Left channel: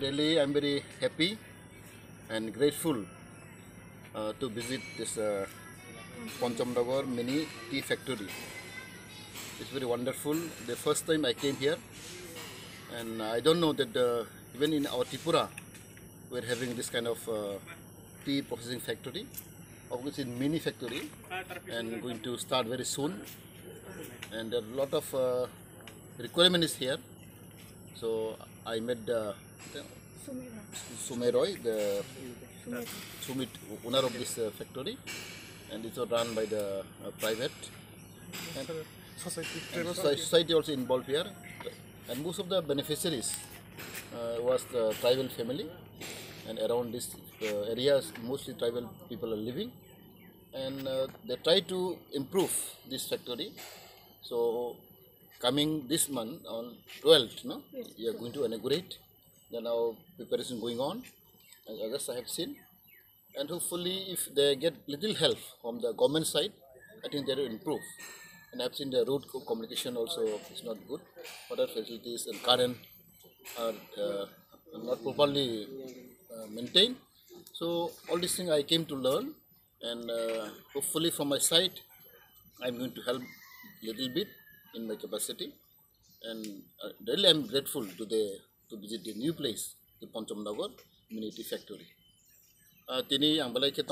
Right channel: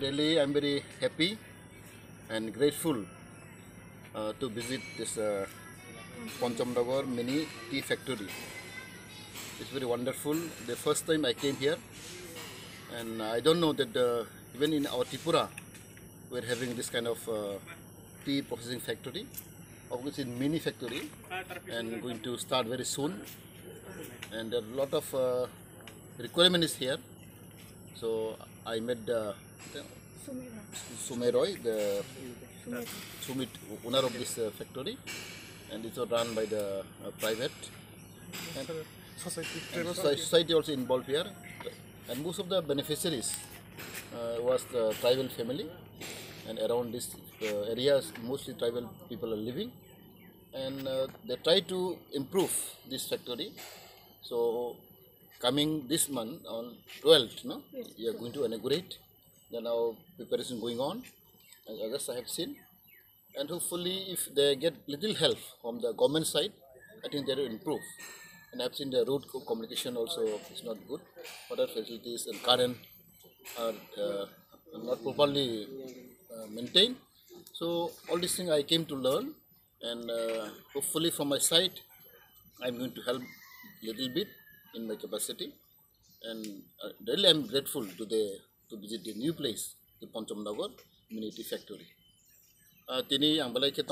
Really, I'm very happy and grateful to visit this Panchamnagar mini tea factory. It's very wonderful. The first time I came here, and I don't know that even in our Tripura, we're having this kind of tea processing factory. Obviously, in mini factory, and going to start very soon. And a lot of requirements here. So I met Sumeroy, the Sumit owner of this factory, and it was run by the private and society also involved here. And most of the beneficiaries was the tribal family, and around this areas mostly tribal people are living, and they try to improve this factory. So coming this month on 12th, no, we are going to inaugurate. Then our preparation going on, as others I have seen, and hopefully if they get little help from the government side, I think they will improve. And I have seen the road communication also is not good. Other facilities and current are not properly maintained. So all these things I came to learn, and hopefully from my side, I am going to help little bit in my capacity. And really I am grateful to visit the new place, the Panchamnagar Mini Tea Factory. Tini ang balay kitang